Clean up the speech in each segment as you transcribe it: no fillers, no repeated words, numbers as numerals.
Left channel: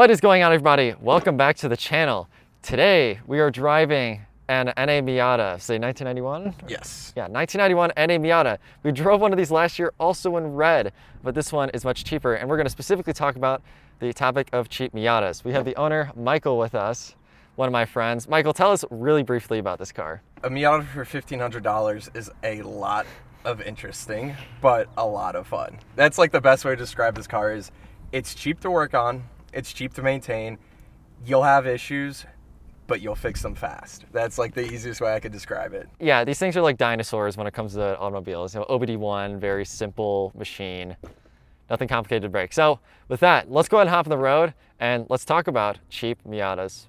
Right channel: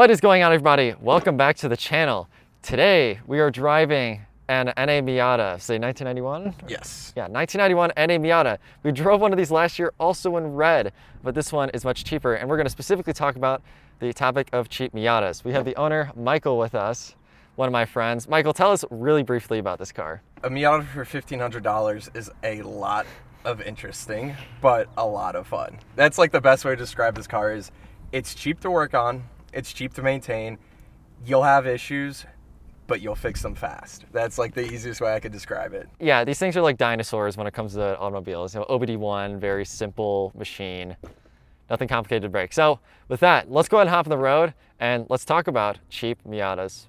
What is going on, everybody? Welcome back to the channel. Today we are driving an NA Miata. Say 1991? Yes. Yeah, 1991 NA Miata. We drove one of these last year, also in red, but this one is much cheaper, and we're going to specifically talk about the topic of cheap Miatas. We have the owner, Michael, with us, one of my friends. Michael, tell us really briefly about this car. A Miata for $1,500 is a lot of interesting, but a lot of fun. That's like the best way to describe this car is it's cheap to work on, it's cheap to maintain, you'll have issues, but you'll fix them fast. That's like the easiest way I could describe it. Yeah, these things are like dinosaurs when it comes to automobiles. You know, OBD1, very simple machine, nothing complicated to break. So with that, let's go ahead and hop on the road and let's talk about cheap Miatas.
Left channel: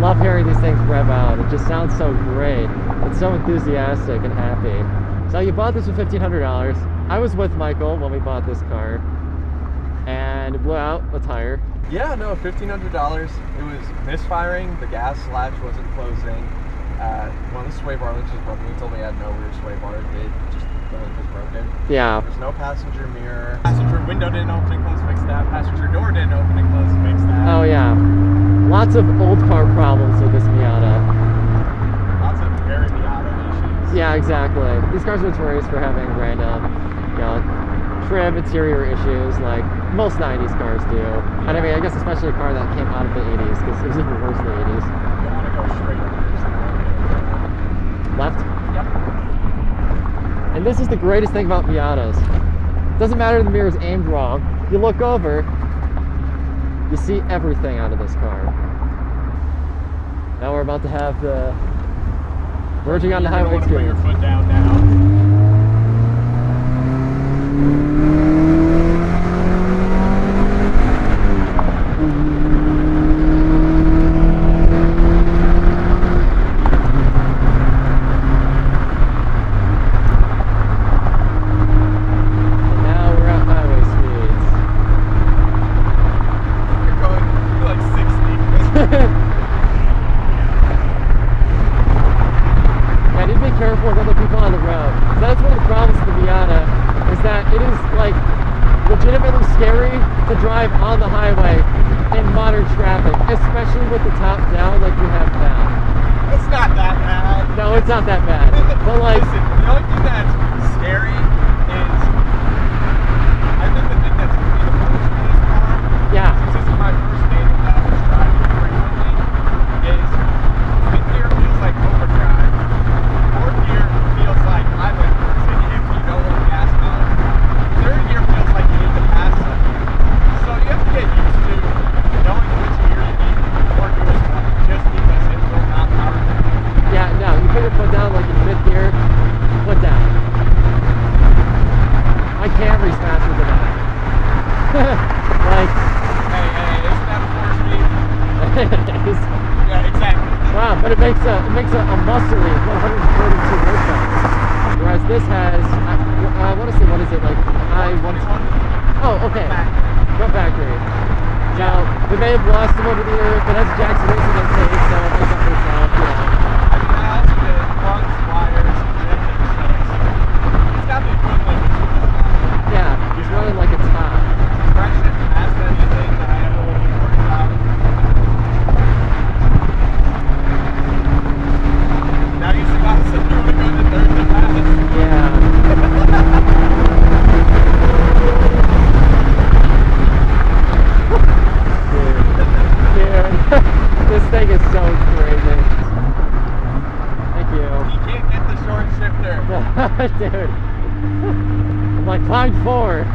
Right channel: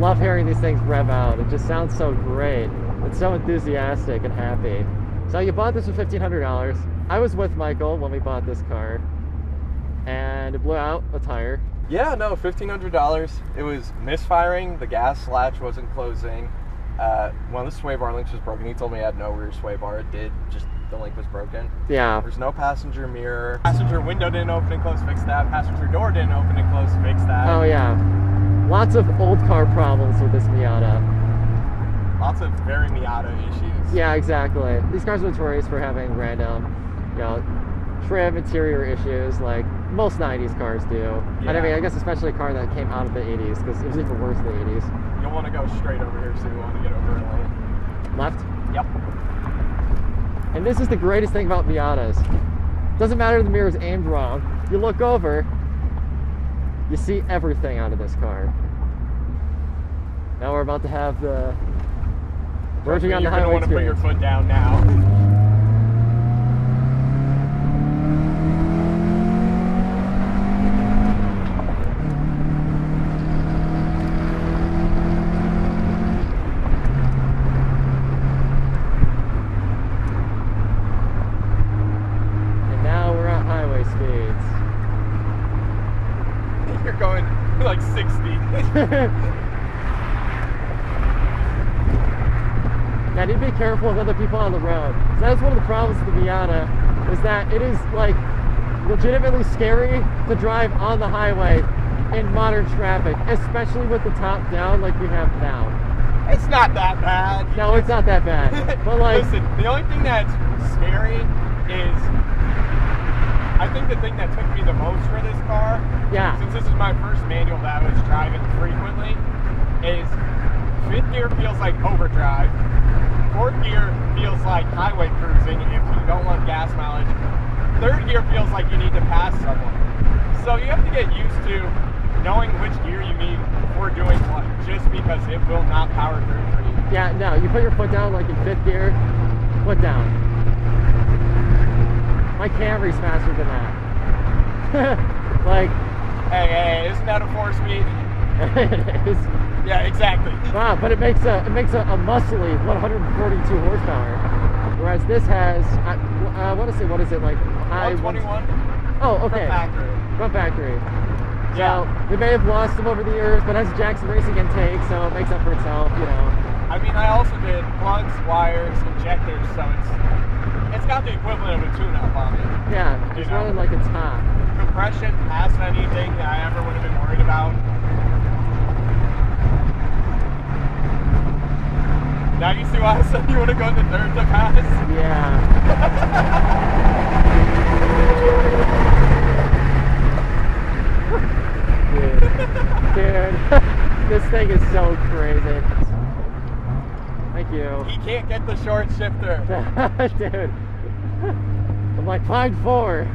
Love hearing these things rev out. It just sounds so great. It's so enthusiastic and happy. So you bought this for $1,500. I was with Michael when we bought this car, and it blew out a tire. Yeah, no, $1,500. It was misfiring. The gas latch wasn't closing. One of the sway bar links was broken. He told me I had no rear sway bar. It did. Just the link was broken. Yeah. There's no passenger mirror. Passenger window didn't open and close. Fix that. Passenger door didn't open and close. Fix that. Oh yeah. Lots of old car problems with this Miata. Lots of very Miata issues. Yeah, exactly. These cars are notorious for having random, you know, trim interior issues like most 90s cars do. Yeah. And I mean, I guess especially a car that came out of the 80s, because it was even worse in the 80s. You want to go straight up here so you won't get left? Yep. And this is the greatest thing about Miatas. Doesn't matter if the mirror's aimed wrong. You look over, you see everything out of this car. Now we're about to have the verging on the highway experience. Put your foot down now. And now we're at highway speeds. You're going like 60. Yeah, I need to be careful with other people on the road. So that's one of the problems with the Miata, is that it is like legitimately scary to drive on the highway in modern traffic, especially with the top down like we have now. It's not that bad. No, it's not that bad. But like, listen, the only thing that's scary is, I think the thing that's going to be the most for this car, yeah, since this is my first manual that I was driving frequently, is fifth gear feels like overdrive. Fourth gear feels like highway cruising if you don't want gas mileage. Third gear feels like you need to pass something. So you have to get used to knowing which gear you need before doing one, just because it will not power through. yeah, no, you put your foot down like in fifth gear, foot down. My Camry's faster than that. Like, hey, isn't that a 4-speed? it is. Yeah, exactly. Wow, but it makes a muscly 132 horsepower, whereas this has I want to say, what is it, like I want. Oh, okay. Front factory. Now we may have lost them over the years, but that's Jackson Racing intake, so it makes up for itself, you know. I mean, I also did once wires, injector shucks. It's got the equivalent of 2 Yeah, he's running like it's hot. Compression has anything that I ever would have been worried about. Now you see why I said you would have gone to third the fastest. Yeah. Dude, this thing is so crazy. Thank you. He can't get the short shifter. Dude, I'm like, find 4.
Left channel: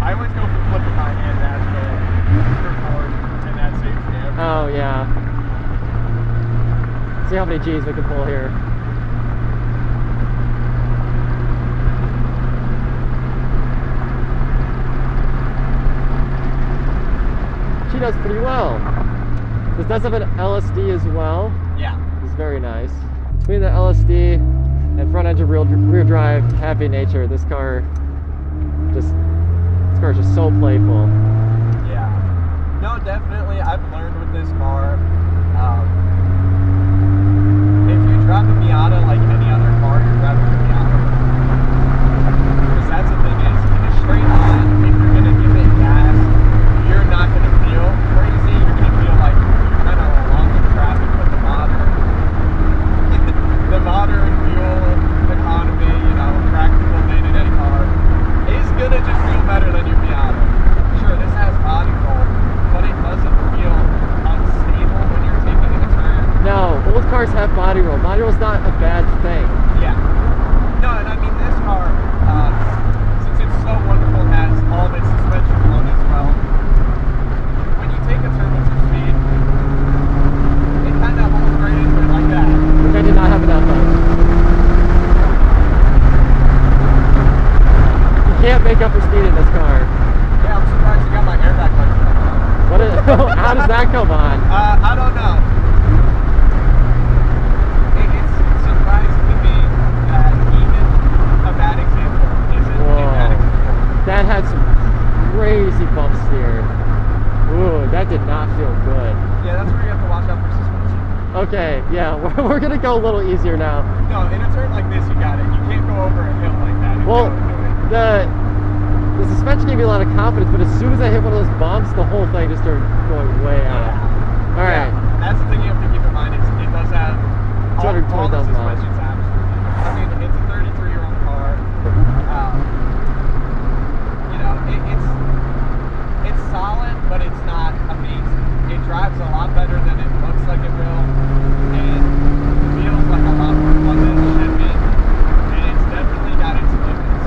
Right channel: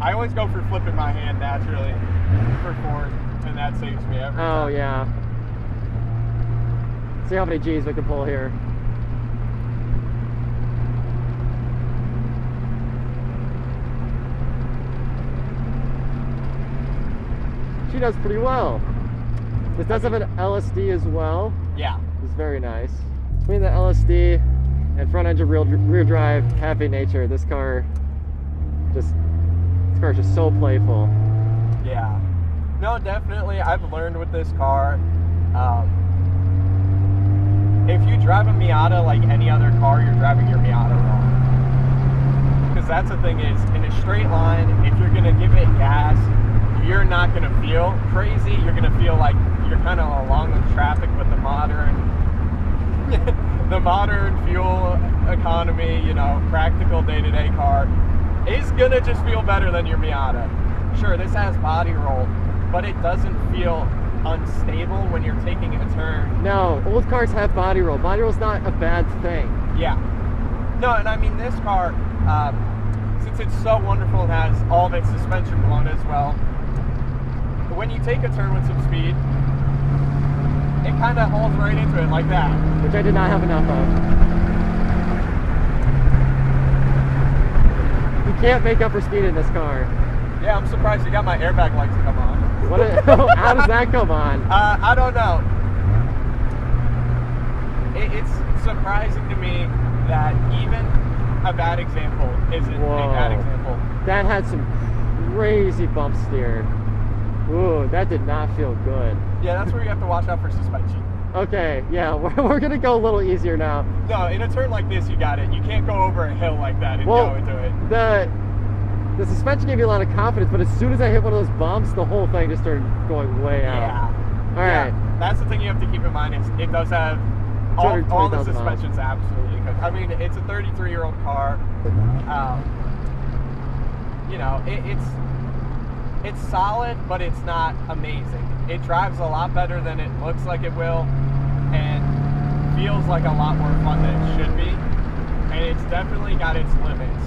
I always go for flipping my hand naturally for forward, and that saves me everything. Oh yeah. See how many G's we can pull here. She does pretty well. This does have an LSD as well. Yeah. It's very nice. Between the LSD and front engine rear drive happy nature, this car is just so playful. Yeah. No, definitely. I've learned with this car, If you drive a Miata like any other car, you're driving your Miata wrong. Because that's the thing is, in a straight line, if you're going to give it gas, you're not going to feel crazy. You're going to feel like you're kind of along with traffic, but the modern fuel economy, you know, practical day-to-day car is going to just feel better than your Miata. Sure, this has body roll, but it doesn't feel unstable when you're taking a turn. No, old cars have body roll. Body roll's not a bad thing. Yeah. No, and I mean this car, since it's so wonderful, has all of its suspension on as well. When you take a turn with some speed, it kind of holds right into it like that. Which I did not have enough of. You can't make up for speed in this car. Yeah, I'm surprised you got my airbag lights on. What? How does that come on? I don't know. It's surprising to me that even a bad example isn't a bad example. That had some crazy bump steer. Ooh, that did not feel good. Yeah, that's where you have to watch out for suspension. Okay, yeah, we're gonna go a little easier now. No, in a turn like this, you got it. You can't go over a hill like that and Well, go into it. The suspension gave me a lot of confidence, but as soon as I hit one of those bumps, the whole thing just started going way out. Yeah. All right. Yeah, that's the thing you have to keep in mind. It does have all the 220,000 miles. suspension's absolutely. But I mean, it's a 33-year-old car. You know, it's solid, but it's not amazing. It drives a lot better than it looks like it will, and feels like a lot more fun than it should be. And it's definitely got its limits.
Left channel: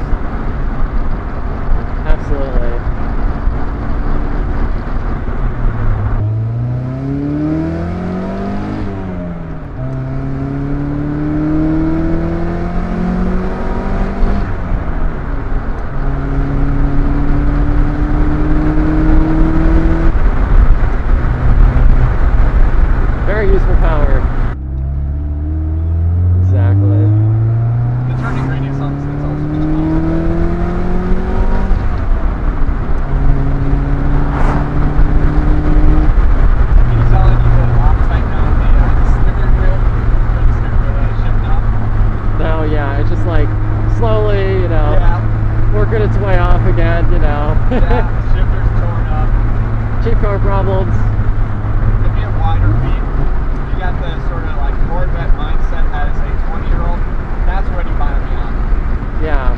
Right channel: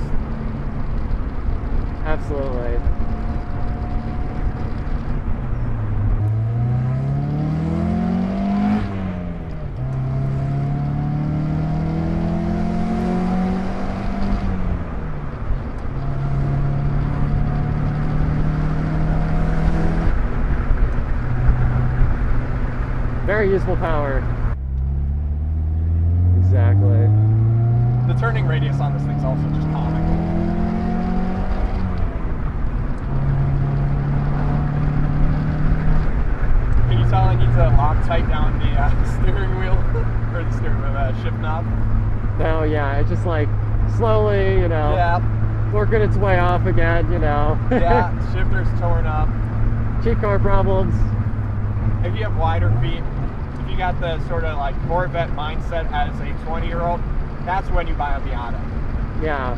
Absolutely. Very useful power. Exactly. The turning radius on this thing's also just awesome. Can you tell I need to lock tight down the steering wheel, or the steering wheel shift knob? No, yeah, it's just like slowly, you know, Yeah. working its way off again, you know. Yeah, shifter's torn up. Cheap car problems. If you have wider feet, if you got the sort of like Corvette mindset as a 20-year-old, that's when you buy a Miata. Yeah.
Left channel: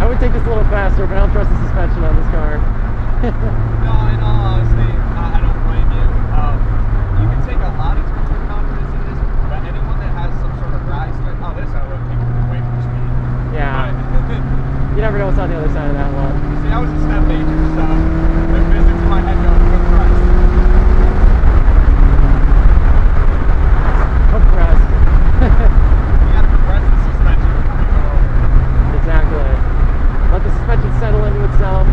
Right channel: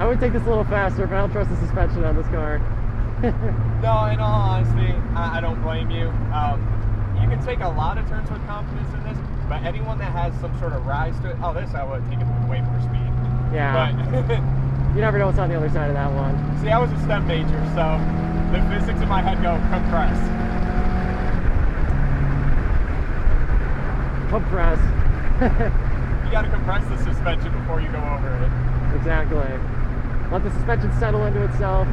I would take this a little faster, but I don't trust the suspension on this car. No, in all honesty, I don't blame you. You can take a lot of turns with confidence in this, but anyone that has some sort of rise to it, this I would take it way more speed. Yeah. But You never know what's on the other side of that one. see, I was a step major, so the physics in my head go compress. Compress. You gotta compress the suspension before you go over it. Exactly. Let the suspension settle into itself.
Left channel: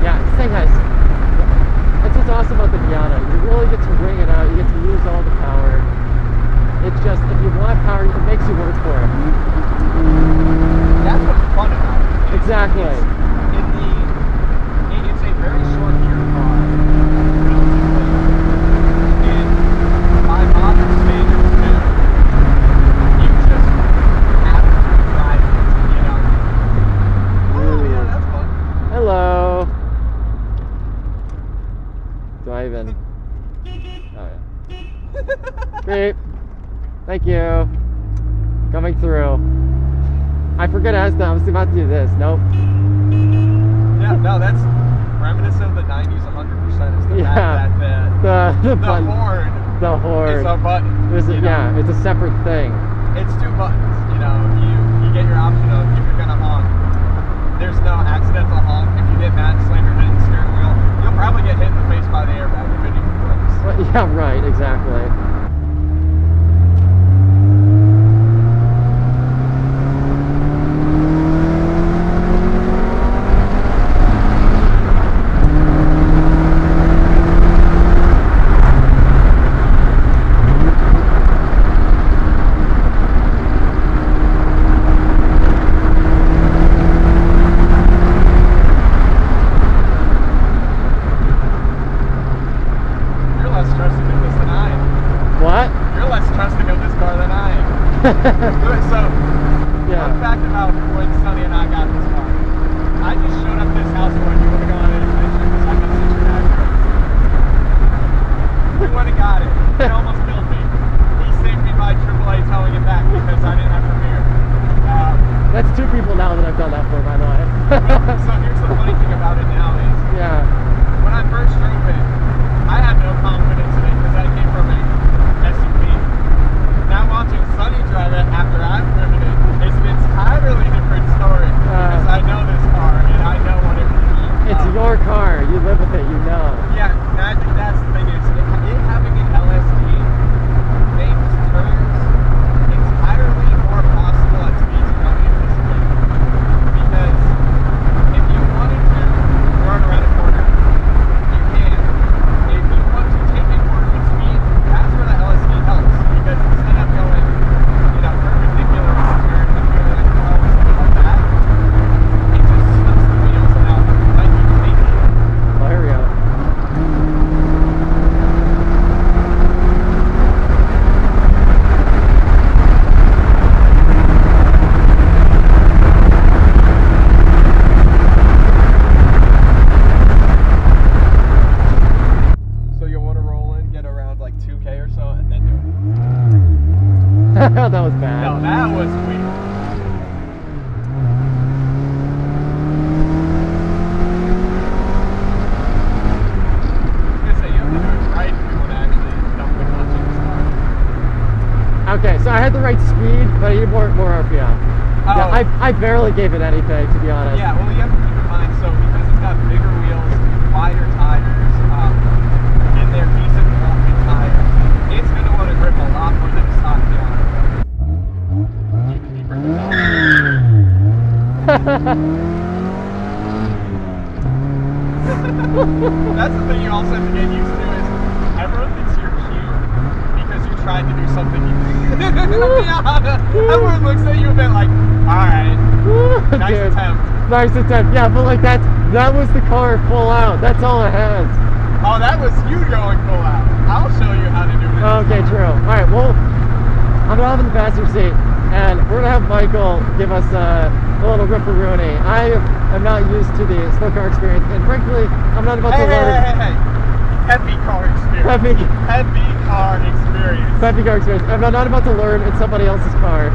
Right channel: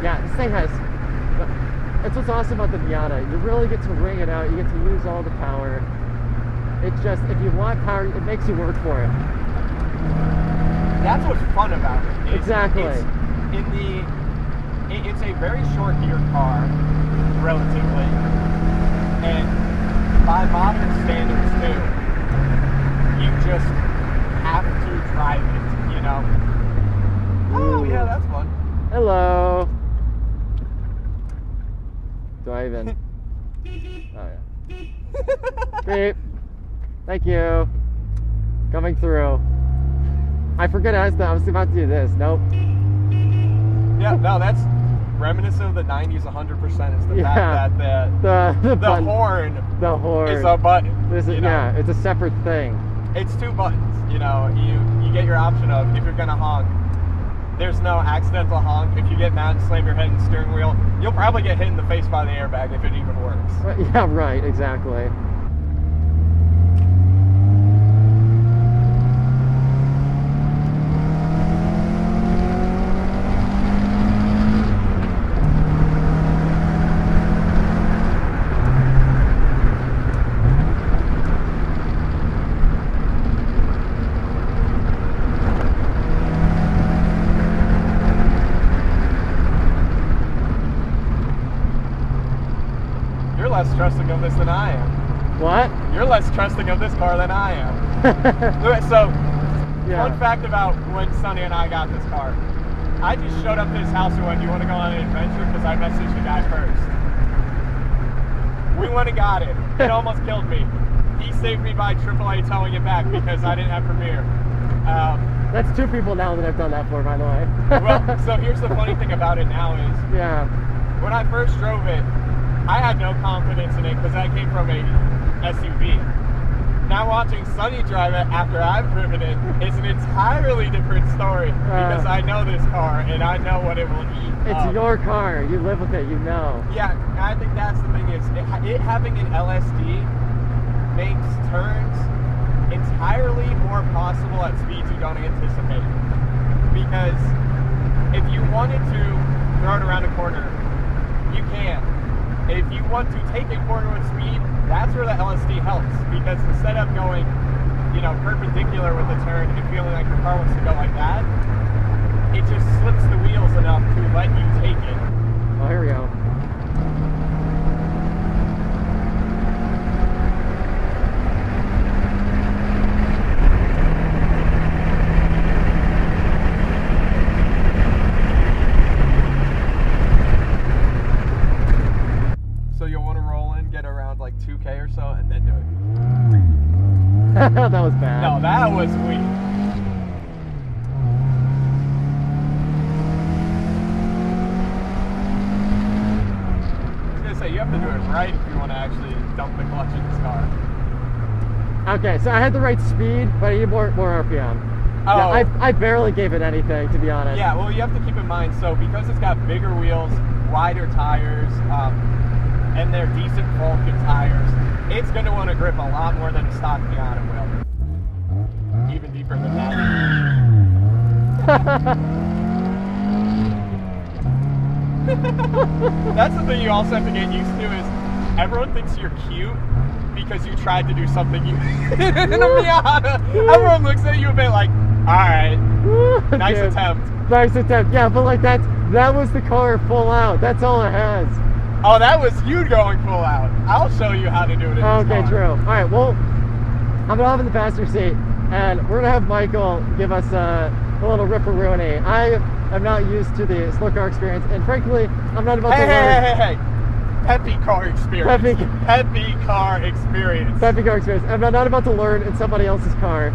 Yeah, this thing has, that's what's awesome about the Miata. You really get to wring it out, you get to use all the power. It's just, if you want power, it makes you work for it. That's what's fun about it. Exactly. It's a very short gear car, relatively. And by modern standards, too, you just have to drive it, you know? Oh, yeah, that's fun. Hello. Do I even? Oh, yeah. Beep. Thank you. Coming through. I forget I was about to do this. Nope. Yeah, no, that's reminiscent of the 90s 100%. It's the fact that the horn. The horn. Is a button. Yeah, it's a separate thing. It's two buttons. You know, you get your option of if you're gonna honk. There's no accidental honk. If you get mad and slam your head in the steering wheel, you'll probably get hit in the face by the airbag if it even works. Well, yeah, right. Exactly. What? You're less trusting of this car than I am. So, Yeah. fun fact about when Sonny and I got this car. I just showed up at his house and went, "You want to go on an adventure?" Because I messaged the guy first. We went and got it. It almost killed me. He saved me by AAA towing it back because I didn't have Premiere. That's 2 people now that I've done that for, by the way. Well, so here's the funny thing about it now is, yeah. when I first drove it, I had no confidence in it because I came from a SUV. Now watching Sonny drive it after I've driven it is an entirely different story because I know this car and I know what it will eat. It's your car. You live with it. You know. Yeah, I think that's the thing is it having an LSD makes turns entirely more possible at speeds you don't anticipate. Because if you wanted to run around a corner, you can. If you want to take a corner with speed, that's where the LSD helps. Because instead of going, you know, perpendicular with the turn and feeling like your car wants to go like that, it just slips the wheels enough like you take it. Oh, here we go. That was bad. No, that was weird. I was gonna say, you have to do it right if you want to actually dump the clutch in this car. Okay, so I had the right speed, but I needed more RPM. Oh. Yeah, I barely gave it anything, to be honest. Yeah, well, you have to keep in mind, so because it's got bigger wheels, wider tires, and they're decent Vulcan tires, it's going to want to grip a lot more than a stock Miata will. Even deeper than that. That's the thing you also have to get used to is everyone thinks you're cute because you tried to do something you didn't in a Miata. Everyone looks at you a bit like, alright, nice Dude, attempt. Nice attempt. Yeah, but like that was the car full out. That's all it has. Oh, that was you going full out. I'll show you how to do it. Okay, true. Alright, well, I'm gonna hop in the passenger seat and we're gonna have Michael give us a little ripperoonie. I am not used to the slow car experience, and frankly, I'm not about to learn. Hey. Peppy Car Experience. Peppy Car Experience. Peppy Car Experience. I'm not about to learn in somebody else's car.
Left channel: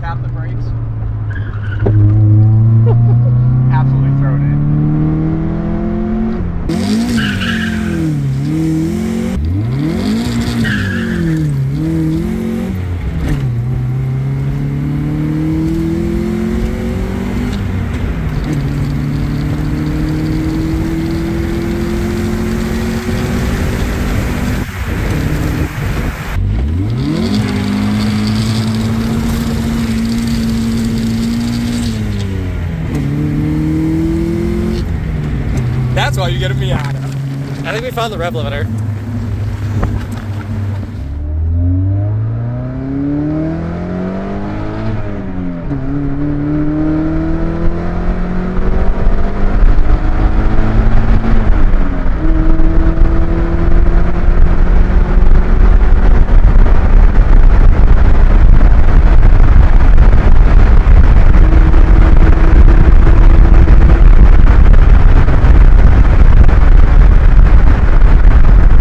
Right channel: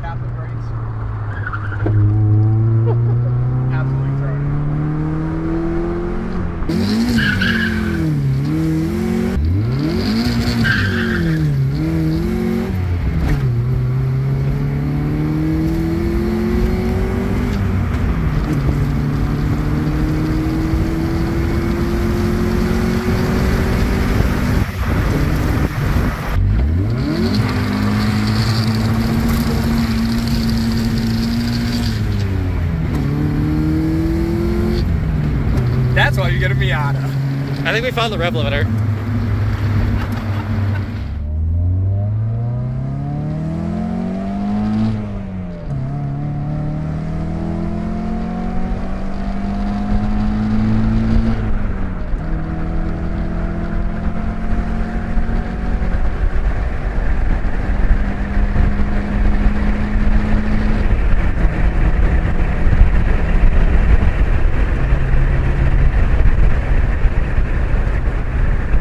Tap the brakes. Absolutely throw it in. That's why you get a Miata. I think we found the rev limiter.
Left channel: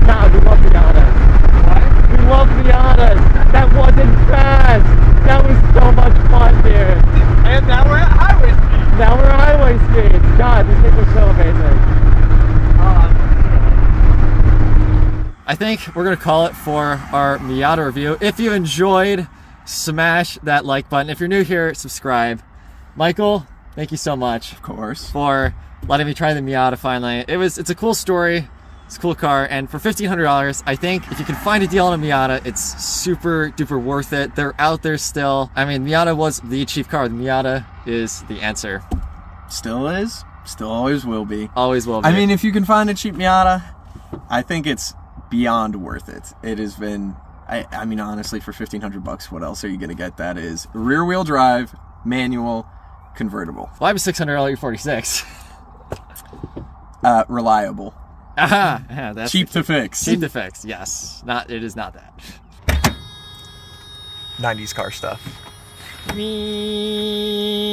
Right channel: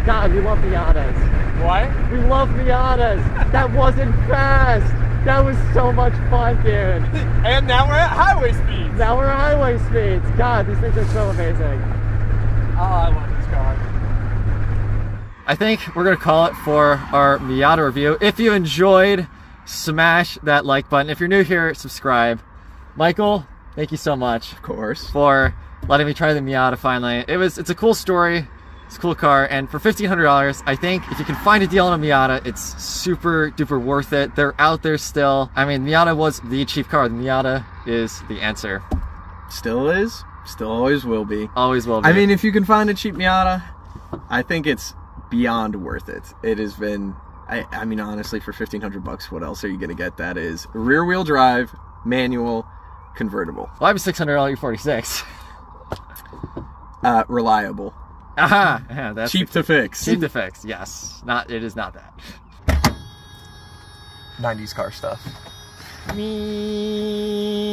God, we love Miatas. What? We love Miatas. That wasn't fast. That was so much fun, dude. And now we're at highway speed. Now we're at highway speeds. God, these things are so amazing. Oh, I love this car. I think we're going to call it for our Miata review. If you enjoyed, smash that like button. If you're new here, subscribe. Michael, thank you so much. Of course. For letting me try the Miata finally. It's a cool story. It's a cool car, and for $1,500, I think if you can find a deal on a Miata, it's super duper worth it. They're out there still. I mean, Miata was the cheap car. The Miata is the answer. Still is. Still always will be. Always will be. I mean, if you can find a cheap Miata, I think it's beyond worth it. It has been, I mean, honestly, for $1,500, what else are you going to get that is rear-wheel drive, manual, convertible. Well, I have a $600 E46. Reliable. Aha! Yeah, that's cheap to fix. Cheap to fix. Yes. It is not that. 90s car stuff. Me.